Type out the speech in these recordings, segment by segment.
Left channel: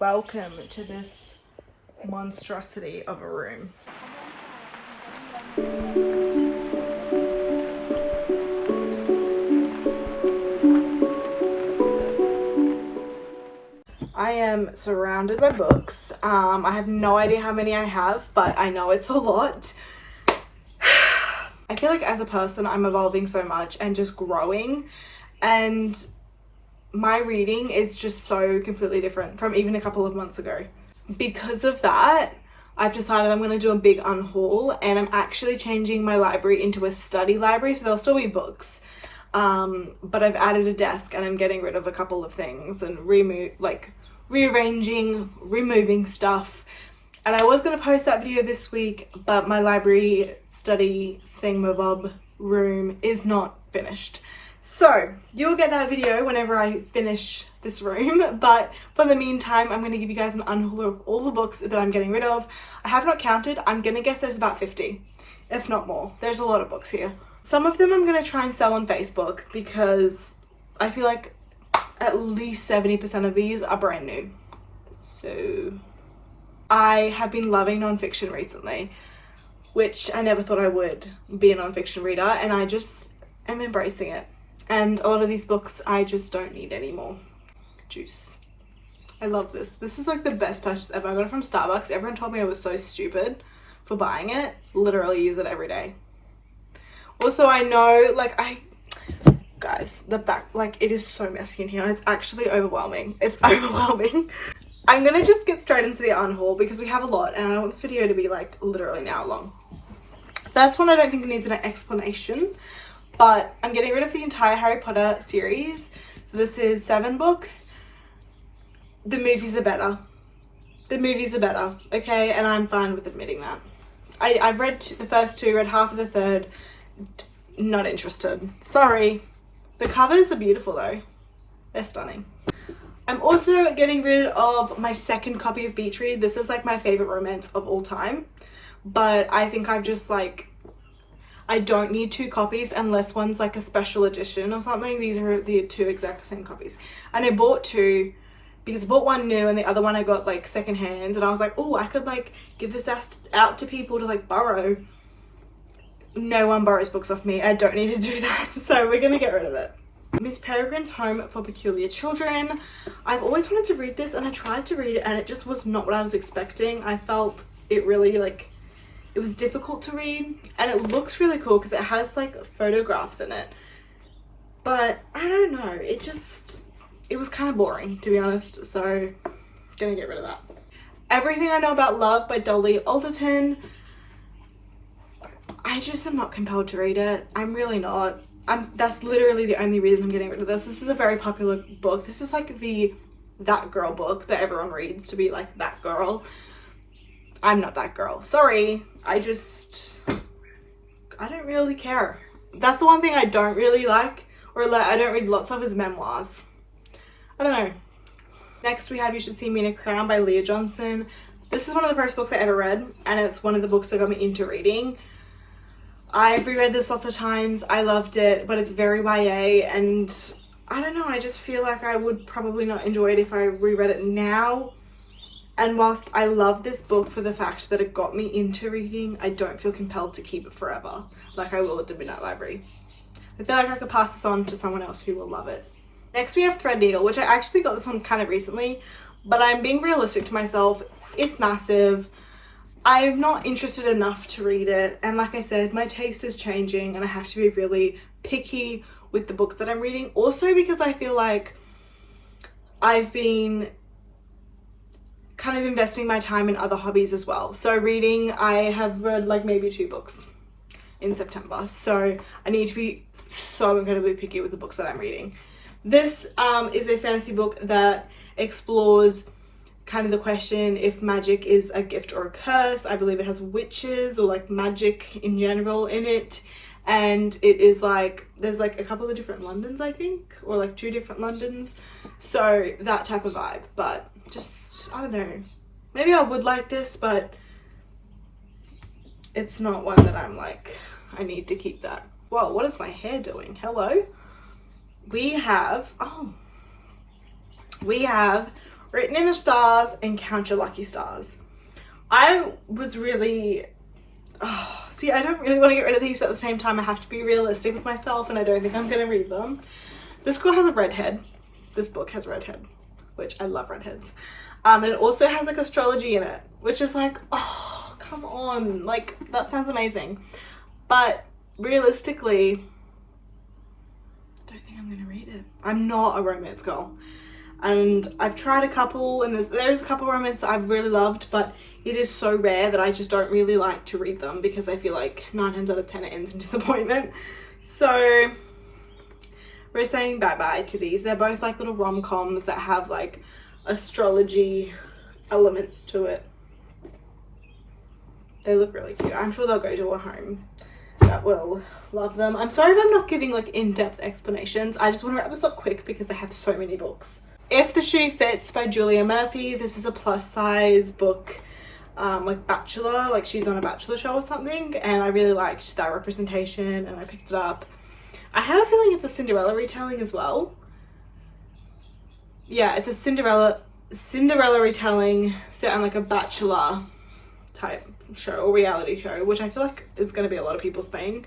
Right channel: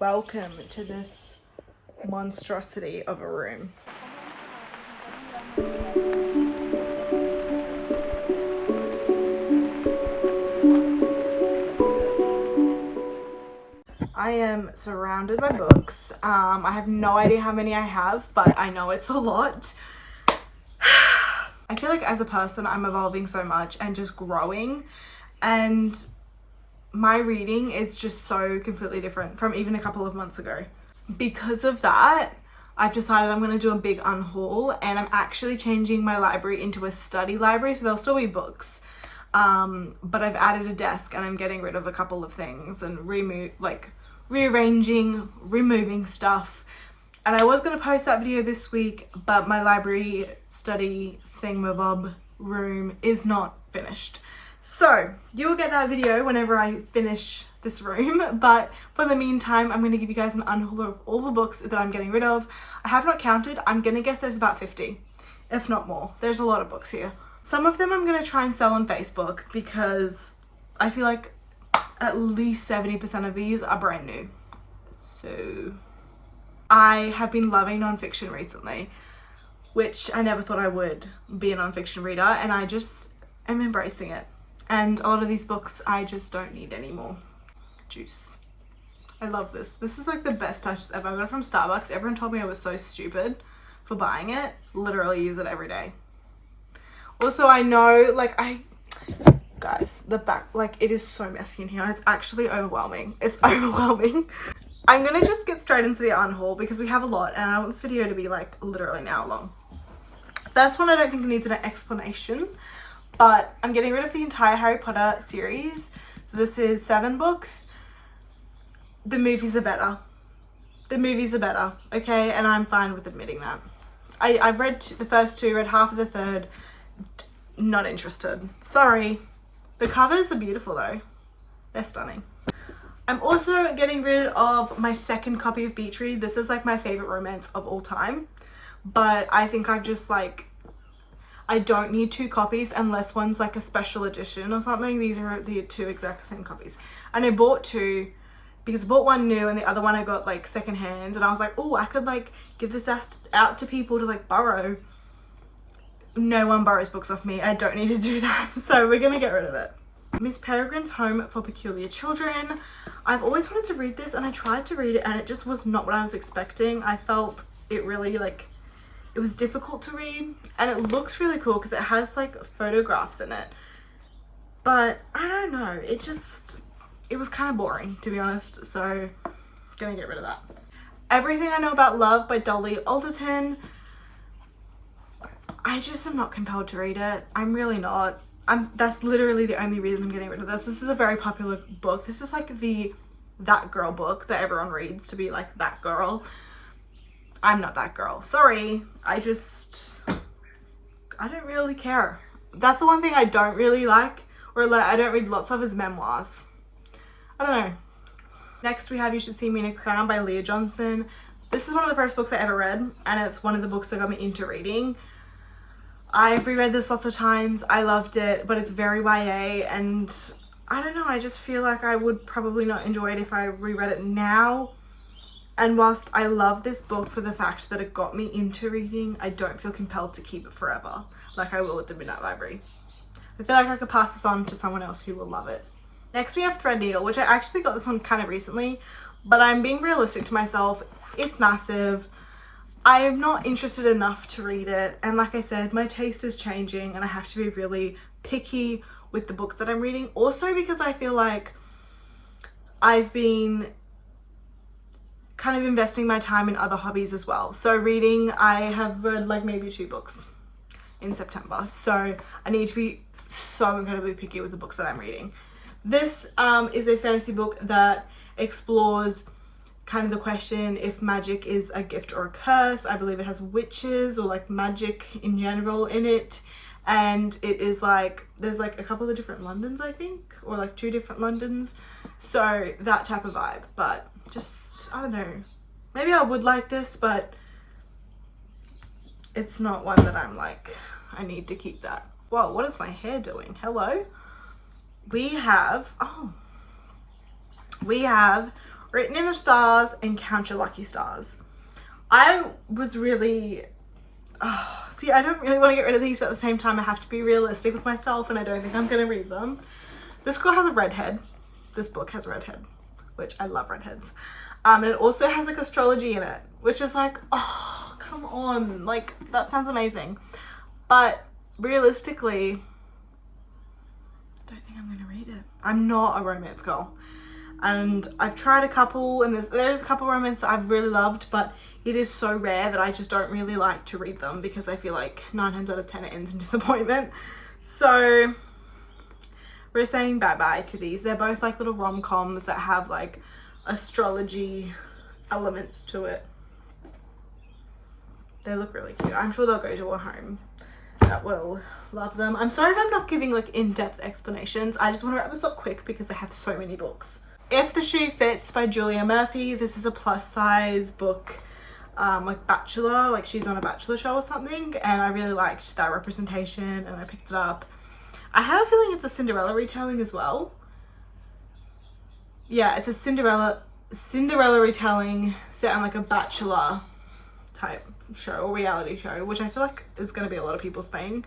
Welcome to this monstrosity of a room. I am surrounded by books. I have no idea how many I have, but I know it's a lot. I feel like as a person, I'm evolving so much and just growing, and my reading is just so completely different from even a couple of months ago. Because of that, I've decided I'm going to do a big unhaul, and I'm actually changing my library into a study library, so there'll still be books. But I've added a desk and I'm getting rid of a couple of things and rearranging, removing stuff. And I was going to post that video this week, but my library study thingamabob room is not finished. So you'll get that video whenever I finish this room, but for the meantime, I'm going to give you guys an unhaul of all the books that I'm getting rid of. I have not counted. I'm going to guess there's about 50, if not more. There's a lot of books here. Some of them I'm going to try and sell on Facebook because I feel like at least 70% of these are brand new. So I have been loving nonfiction recently, which I never thought I would be a nonfiction reader, and I just am embracing it. And a lot of these books I just don't need anymore. Juice. I love this. This is like the best purchase ever. I got it from Starbucks. Everyone told me I was so stupid for buying it. Literally use it every day. Also, I know, guys, the back, it is so messy in here. It's actually overwhelming. It's overwhelming. I'm gonna just get straight into the unhaul because we have a lot, and I want this video to be literally an hour long. First one, I don't think it needs an explanation, but I'm getting rid of the entire Harry Potter series. So this is 7 books. The movies are better. The movies are better, okay? And I'm fine with admitting that. I've read the first 2, read half of the third. Not interested. Sorry. The covers are beautiful though. They're stunning. I'm also getting rid of my second copy of Beach Read. This is my favorite romance of all time. But I think I've just I don't need 2 copies unless one's a special edition or something. These are the 2 exact same copies. And I bought 2 because I bought one new and the other one I got second hand. And I was like, oh, I could give this out to people to borrow. No one borrows books off me. I don't need to do that. So we're going to get rid of it. Miss Peregrine's Home for Peculiar Children. I've always wanted to read this and I tried to read it and it just was not what I was expecting. I felt it really it was difficult to read, and it looks really cool because it has photographs in it, but I don't know, it was kind of boring, to be honest, so gonna get rid of that. Everything I Know About Love by Dolly Alderton. I just am not compelled to read it. I'm really not. That's literally the only reason I'm getting rid of this. This is a very popular book. This is the that girl book that everyone reads to be that girl. I'm not that girl. Sorry. I don't really care. That's the one thing I don't really like, or I don't read lots of, is memoirs. I don't know. Next we have You Should See Me in a Crown by Leah Johnson. This is one of the first books I ever read, and it's one of the books that got me into reading. I've reread this lots of times. I loved it, but it's very YA, and I don't know, I just feel like I would probably not enjoy it if I reread it now. And whilst I love this book for the fact that it got me into reading, I don't feel compelled to keep it forever, like I will at the Midnight Library. I feel like I could pass this on to someone else who will love it. Next we have Threadneedle, which I actually got this one kind of recently, but I'm being realistic to myself. It's massive. I'm not interested enough to read it, and like I said, my taste is changing and I have to be really picky with the books that I'm reading. Also because I feel like I've been kind of investing my time in other hobbies as well. So reading, I have read maybe 2 books in September, so I need to be so incredibly picky with the books that I'm reading. This is a fantasy book that explores kind of the question if magic is a gift or a curse. I believe it has witches or magic in general in it, and it is there's a couple of different Londons, I think, or 2 different Londons, so that type of vibe. But just, I don't know, maybe I would like this, but it's not one that I'm I need to keep that. Whoa, what is my hair doing? Hello. We have Written in the Stars and Count Your Lucky Stars. I was really, see, I don't really want to get rid of these, but at the same time I have to be realistic with myself and I don't think I'm going to read them. This girl has a redhead. This book has a redhead, which I love redheads. And it also has like astrology in it, which is like, oh, come on. Like, that sounds amazing. But realistically, I don't think I'm going to read it. I'm not a romance girl. And I've tried a couple, and there's a couple romance that I've really loved, but it is so rare that I just don't really like to read them because I feel like 9 times out of 10 it ends in disappointment. So we're saying bye-bye to these. They're both like little rom-coms that have like astrology elements to it. They look really cute. I'm sure they'll go to a home that will love them. I'm sorry if I'm not giving like in-depth explanations. I just want to wrap this up quick because I have so many books. If the Shoe Fits by Julia Murphy. This is a plus size book, like Bachelor, like she's on a Bachelor show or something, and I really liked that representation and I picked it up. I have a feeling it's a Cinderella retelling as well. Yeah, it's a Cinderella retelling set on like a Bachelor type show or reality show, which I feel like is going to be a lot of people's thing.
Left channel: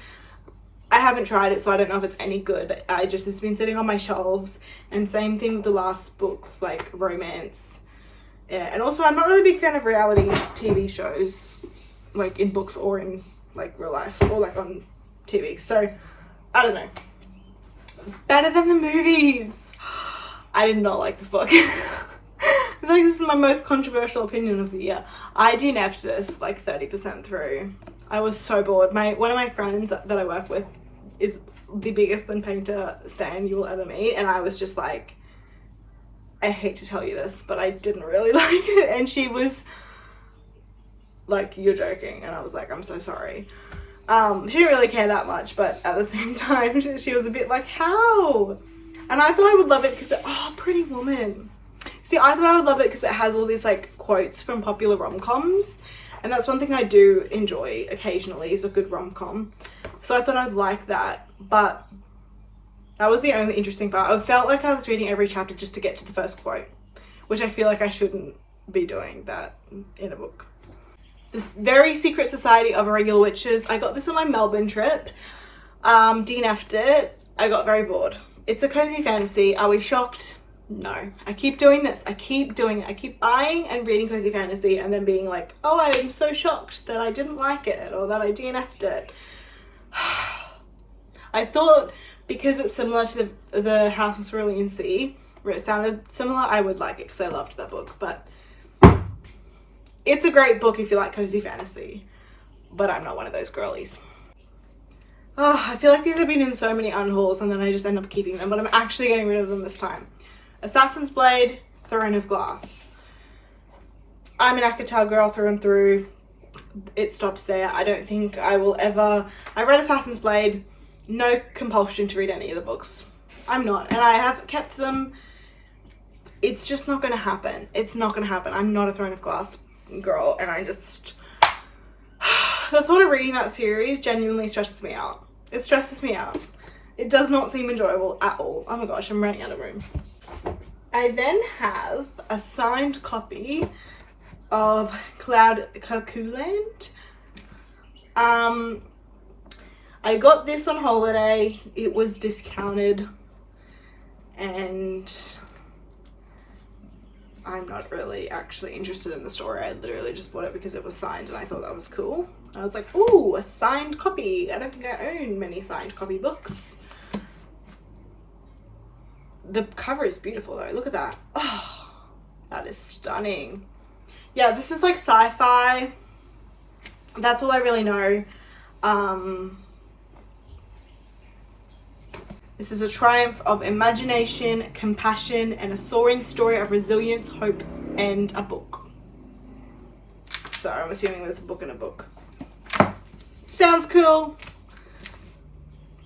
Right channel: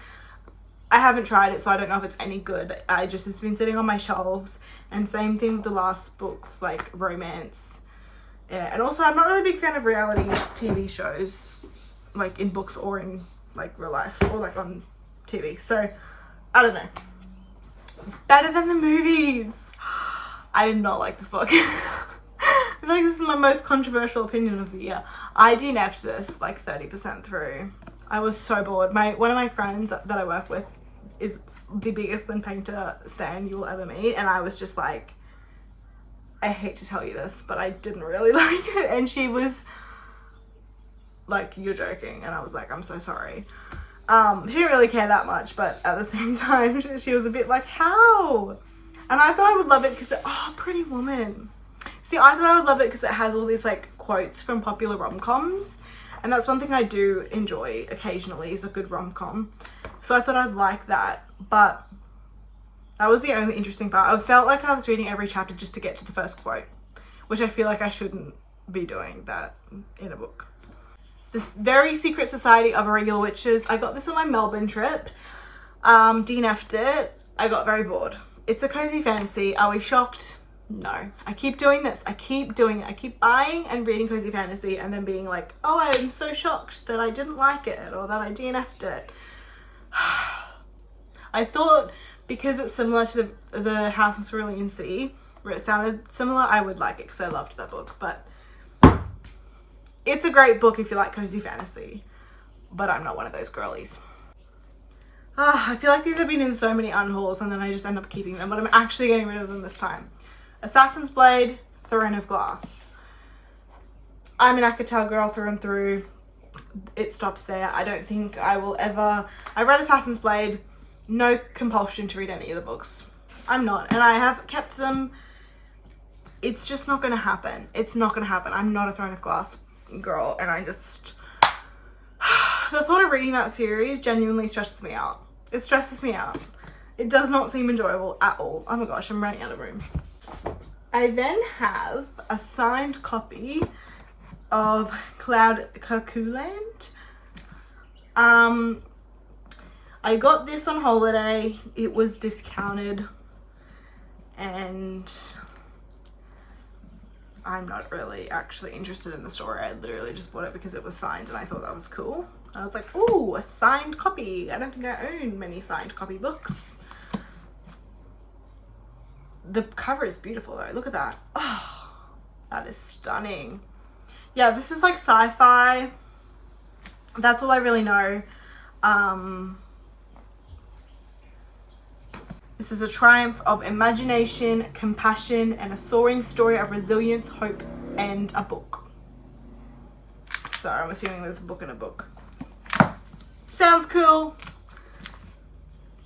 I haven't tried it, so I don't know if it's any good. It's been sitting on my shelves, and same thing with the last books, like romance. Yeah, and also I'm not really a big fan of reality TV shows, like in books or in like real life or like on TV. So I don't know. Better than the movies. I did not like this book. I feel like this is my most controversial opinion of the year. I DNF'd this like 30% through. I was so bored. One of my friends that I work with is the biggest Lynn Painter stan you will ever meet, and I was just like, I hate to tell you this, but I didn't really like it. And she was like, you're joking. And I was like, I'm so sorry. She didn't really care that much, but at the same time she was a bit like, how? And I thought I would love it because Pretty Woman. See, I thought I would love it because it has all these like quotes from popular rom-coms, and that's one thing I do enjoy occasionally, is a good rom-com. So I thought I'd like that, but that was the only interesting part. I felt like I was reading every chapter just to get to the first quote, which I feel like I shouldn't be doing that in a book. This Very Secret Society of Irregular Witches. I got this on my Melbourne trip. DNF'd it. I got very bored. It's a cozy fantasy. Are we shocked? No. I keep doing this. I keep doing it. I keep buying and reading cozy fantasy and then being like, oh, I'm so shocked that I didn't like it or that I DNF'd it. I thought because it's similar to the House of Cerulean Sea, where it sounded similar, I would like it because I loved that book. But it's a great book if you like cozy fantasy, but I'm not one of those girlies. I feel like these have been in so many unhauls and then I just end up keeping them, but I'm actually getting rid of them this time. Assassin's Blade, Throne of Glass. I'm an Akatar girl through and through. It stops there. I don't think I will ever... I read Assassin's Blade. No compulsion to read any of the books. I'm not. And I have kept them. It's just not going to happen. It's not going to happen. I'm not a Throne of Glass girl. And I just... The thought of reading that series genuinely stresses me out. It stresses me out. It does not seem enjoyable at all. Oh my gosh, I'm running out of room. I then have a signed copy of Cloud Cuckoo Land. I got this on holiday. It was discounted and I'm not really actually interested in the story. I literally just bought it because it was signed and I thought that was cool. I was like, ooh, a signed copy. I don't think I own many signed copy books. The cover is beautiful though. Look at that. Oh, that is stunning. Yeah, this is like sci-fi. That's all I really know. This is a triumph of imagination, compassion, and a soaring story of resilience, hope, and a book. So I'm assuming there's a book in a book. Sounds cool.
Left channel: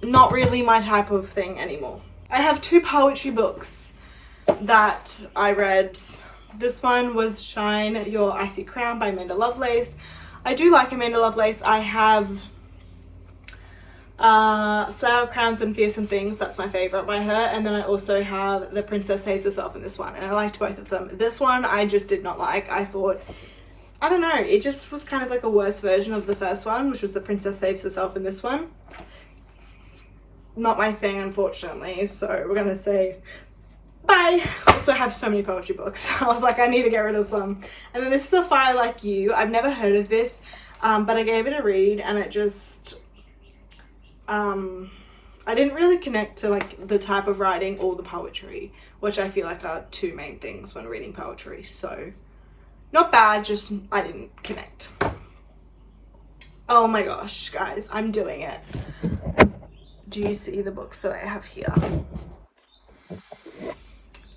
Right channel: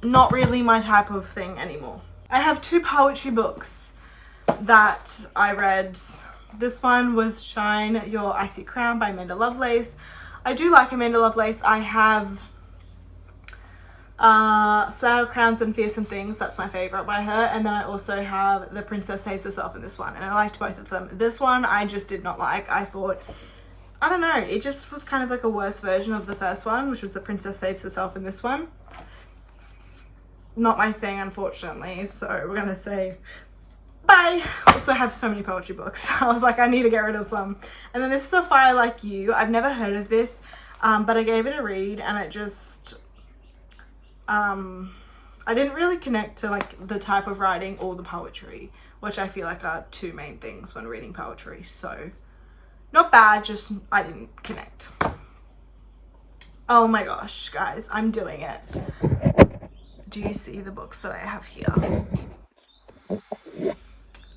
Not really my type of thing anymore. I have 2 poetry books that I read. This one was Shine Your Icy Crown by Amanda Lovelace. I do like Amanda Lovelace. I have Flower Crowns and Fearsome Things, that's my favorite by her. And then I also have The Princess Saves Herself in this one, and I liked both of them. This one I just did not like. I thought, I don't know, it just was kind of like a worse version of the first one, which was The Princess Saves Herself in this one. Not my thing, unfortunately, so we're gonna say bye. Also have so many poetry books. I was like, I need to get rid of some. And then this is A Fire Like You. I've never heard of this, but I gave it a read, and it just I didn't really connect to like the type of writing or the poetry, which I feel like are two main things when reading poetry. So not bad, just I didn't connect. Oh my gosh, guys, I'm doing it. Do you see the books that I have here?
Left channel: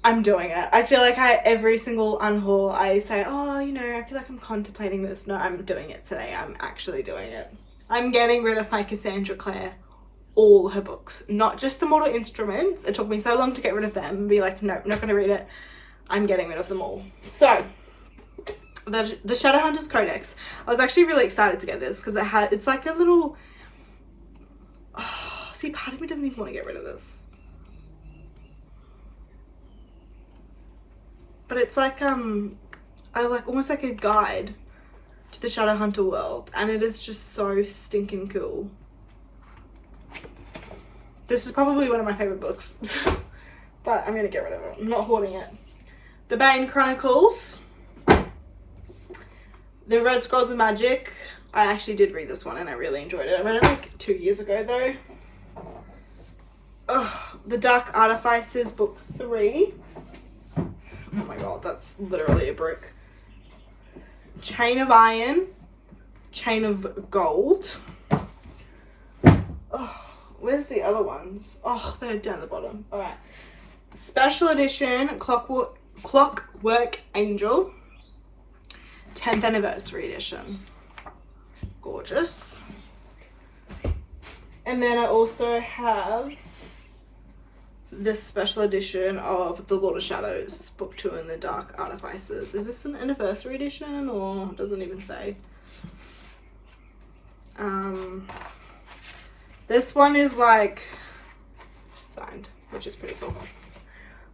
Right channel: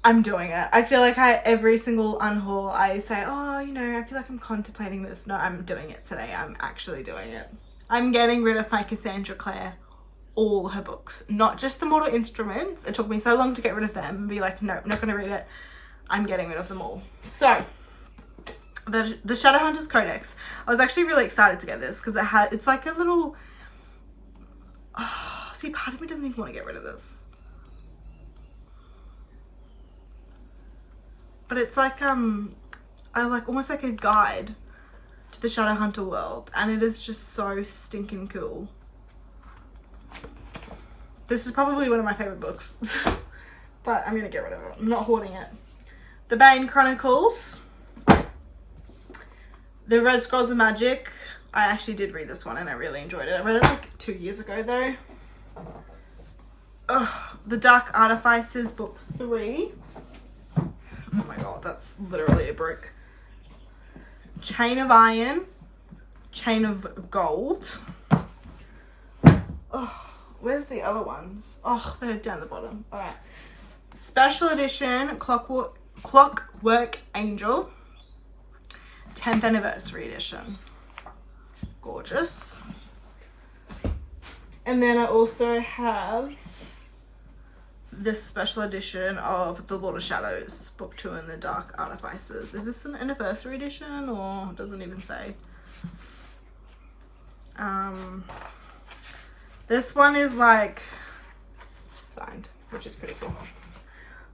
I'm doing it. I feel like every single unhaul I say, oh, you know, I feel like I'm contemplating this. No, I'm doing it today. I'm actually doing it. I'm getting rid of my Cassandra Clare, all her books, not just the Mortal Instruments. It took me so long to get rid of them and be like, nope, not gonna read it. I'm getting rid of them all. So the Shadowhunters Codex. I was actually really excited to get this because it's like a little, oh, see, part of me doesn't even want to get rid of this. But it's like I like almost like a guide to the Shadowhunter world, and it is just so stinking cool. This is probably one of my favorite books, but I'm gonna get rid of it. I'm not hoarding it. The Bane Chronicles, The Red Scrolls of Magic. I actually did read this one and I really enjoyed it. I read it like 2 years ago though. The Dark Artifices, book 3. Oh my god, that's literally a brick. Chain of Iron, Chain of Gold. Oh, where's the other ones? Oh, they're down the bottom. All right. Special edition Clockwork Angel, 10th anniversary edition. Gorgeous. And then I also have this special edition of The Lord of Shadows, book 2 in the Dark Artifices. Is this an anniversary edition or it doesn't even say? This one is like signed, which is pretty cool.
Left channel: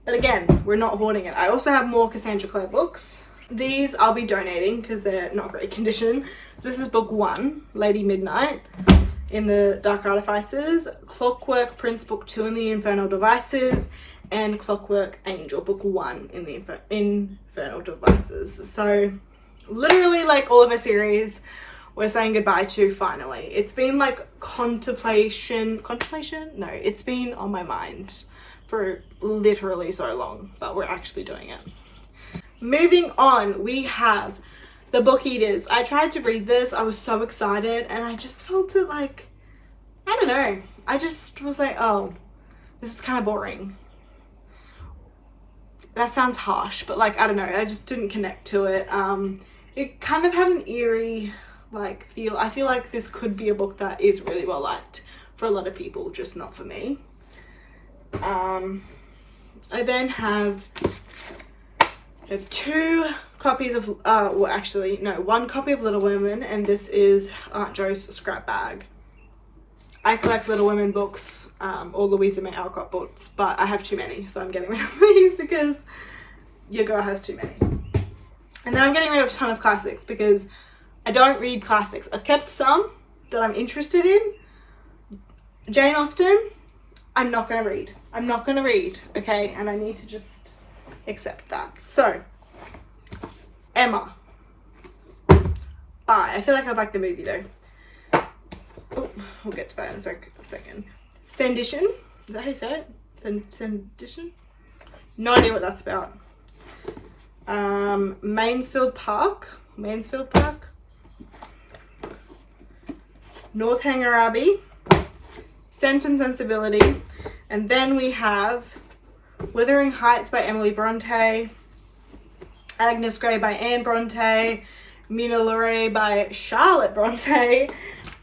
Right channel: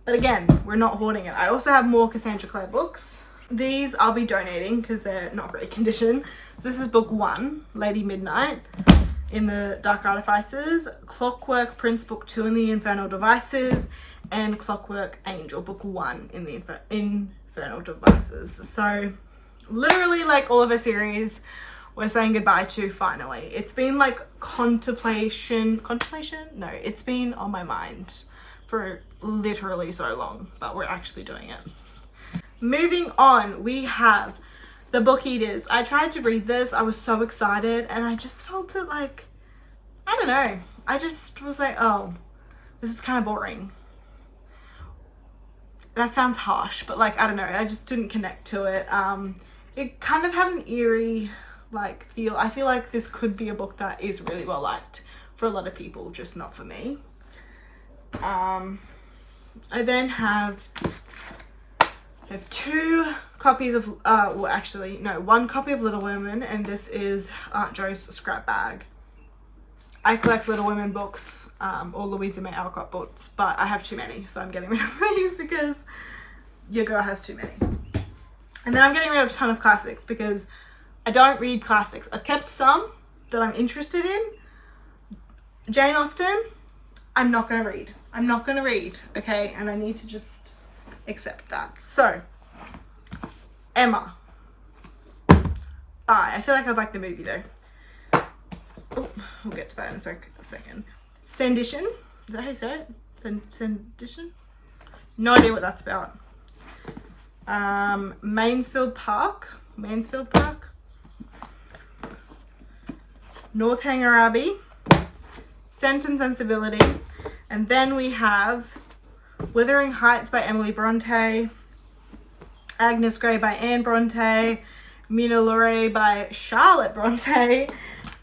But again, we're not hoarding it. I also have more Cassandra Clare books. These I'll be donating because they're not great condition. So this is book 1, Lady Midnight in the Dark Artifices, Clockwork Prince book 2 in the Infernal Devices, and Clockwork Angel book 1 in the Infernal Devices. So literally like all of a series we're saying goodbye to finally. It's been like contemplation? No, it's been on my mind for literally so long, but we're actually doing it. Moving on, we have The Book Eaters. I tried to read this. I was so excited and I just felt it like, I don't know. I just was like, oh, this is kind of boring. That sounds harsh, but like, I don't know. I just didn't connect to it. It kind of had an eerie like feel. I feel like this could be a book that is really well liked for a lot of people, just not for me. I then have 2 copies of well actually no, 1 copy of Little Women, and this is Aunt Jo's scrap bag. I collect Little Women books, or Louisa May Alcott books, but I have too many, so I'm getting rid of these because your girl has too many. And then I'm getting rid of a ton of classics because I don't read classics. I've kept some that I'm interested in. Jane Austen, I'm not gonna read. I'm not gonna read, okay? And I need to just accept that. So, Emma. Bye. I feel like I like the movie though. Oh, we'll get to that in a second. Sandition. Is that how you say it? Sandition? No idea what that's about. Mansfield Park. Northanger Abbey. Sense and Sensibility. And then we have Wuthering Heights by Emily Bronte. Agnes Grey by Anne Bronte. Mina Lorey by Charlotte Bronte.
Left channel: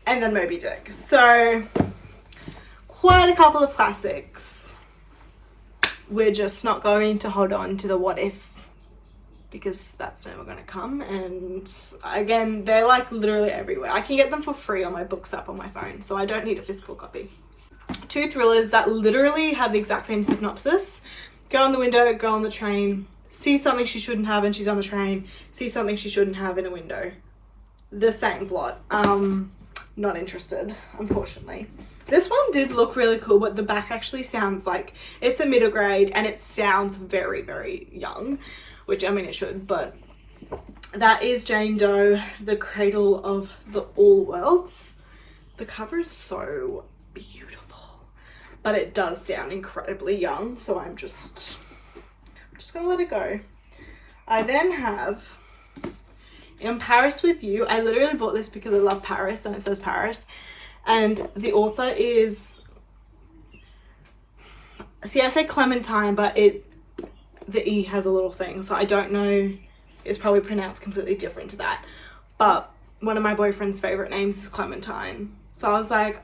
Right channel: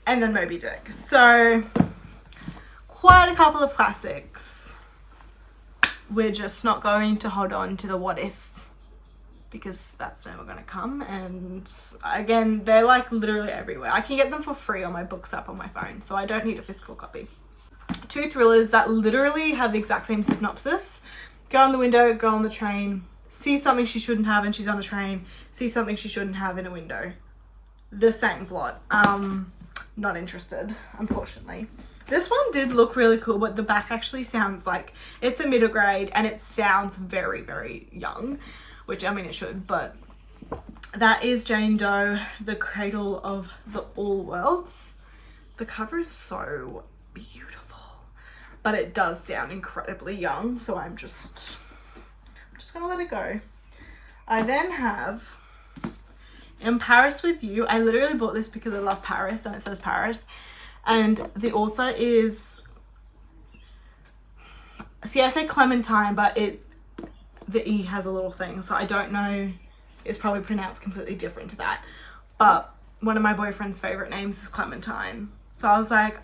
And then Moby Dick. So quite a couple of classics. We're just not going to hold on to the what if because that's never going to come. And again, they're like literally everywhere. I can get them for free on my books app on my phone, so I don't need a physical copy. 2 thrillers that literally have the exact same synopsis. Girl in the window, girl on the train, sees something she shouldn't have and she's on the train, sees something she shouldn't have in a window. The same plot. Not interested, unfortunately. This one did look really cool, but the back actually sounds like it's a middle grade and it sounds very, very young, which I mean it should, but that is Jane Doe, The Cradle of the All Worlds. The cover is so beautiful, but it does sound incredibly young, so I'm just gonna let it go. I then have In Paris with You. I literally bought this because I love Paris and it says Paris, and the author is, see, I say Clementine, but the E has a little thing, so I don't know, it's probably pronounced completely different to that, but one of my boyfriend's favorite names is Clementine, so I was like,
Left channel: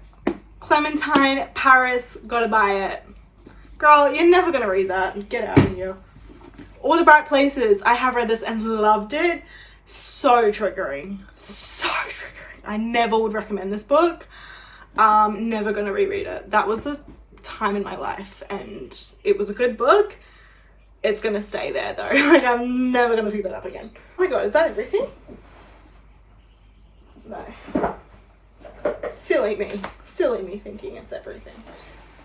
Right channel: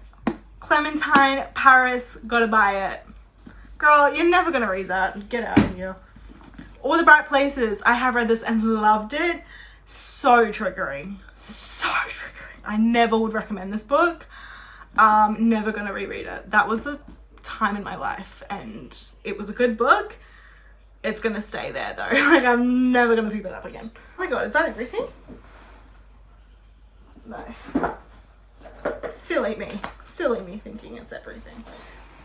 Clementine, Paris, gotta buy it. Girl, you're never gonna read that, get out of here. All the Bright Places, I have read this and loved it. So triggering, so triggering. I never would recommend this book. Never gonna reread it. That was a time in my life and it was a good book. It's gonna stay there though. Like, I'm never gonna pick that up again. Oh my god, is that everything? No. Silly me thinking it's everything.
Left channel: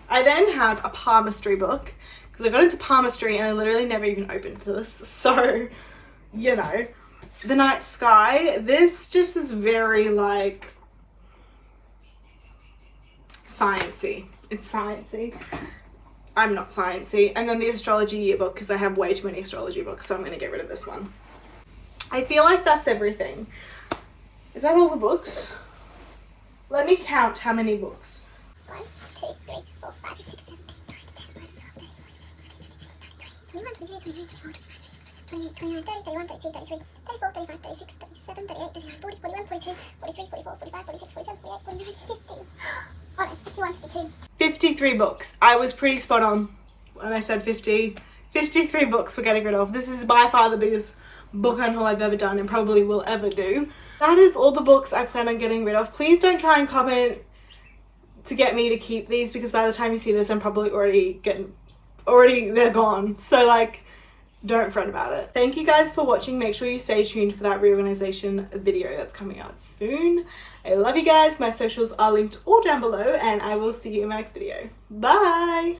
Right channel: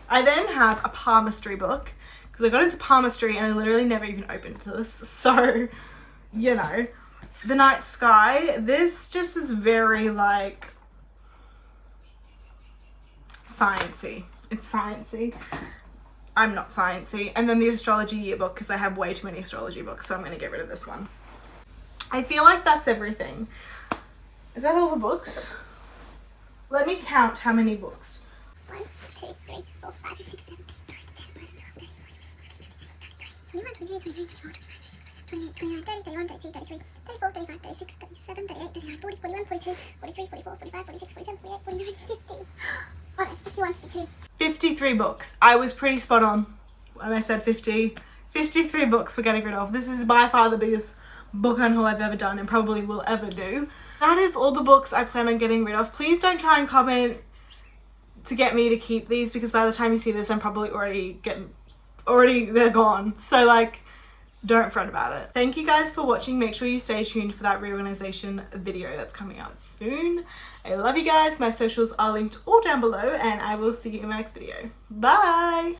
I then have a palmistry book because I got into palmistry and I literally never even opened this, so you know. The Night Sky, this just is very like sciencey. It's sciencey. I'm not sciencey. And then the astrology yearbook, because I have way too many astrology books, so I'm going to get rid of this one. I feel like that's everything. Is that all the books? Let me count how many books. 1, 2, 3, 4, 5, 6, 7, 8, 9, 10, 11, 12, 13, 14, 15, 16, 17, 18, 19, 20, 21, 22, 23, 24, 25, 36, 37, 38, 39, 40, 41, 42, 43, 44, 45, 46, 47, 48, 49, 50. Oh no, 51, 52. 53 books. I was pretty spot on when I said 50. 53 books we're getting rid of. This is by far the biggest book unhaul I've ever done and probably will ever do. That is all the books I plan on getting rid of. Please don't try and comment to get me to keep these, because by the time you see this I'm probably already they're gone. So like, don't fret about it. Thank you guys for watching. Make sure you stay tuned for that reorganization video that's coming out soon. I love you guys. My socials are linked all down below and I will see you in my next video. Bye.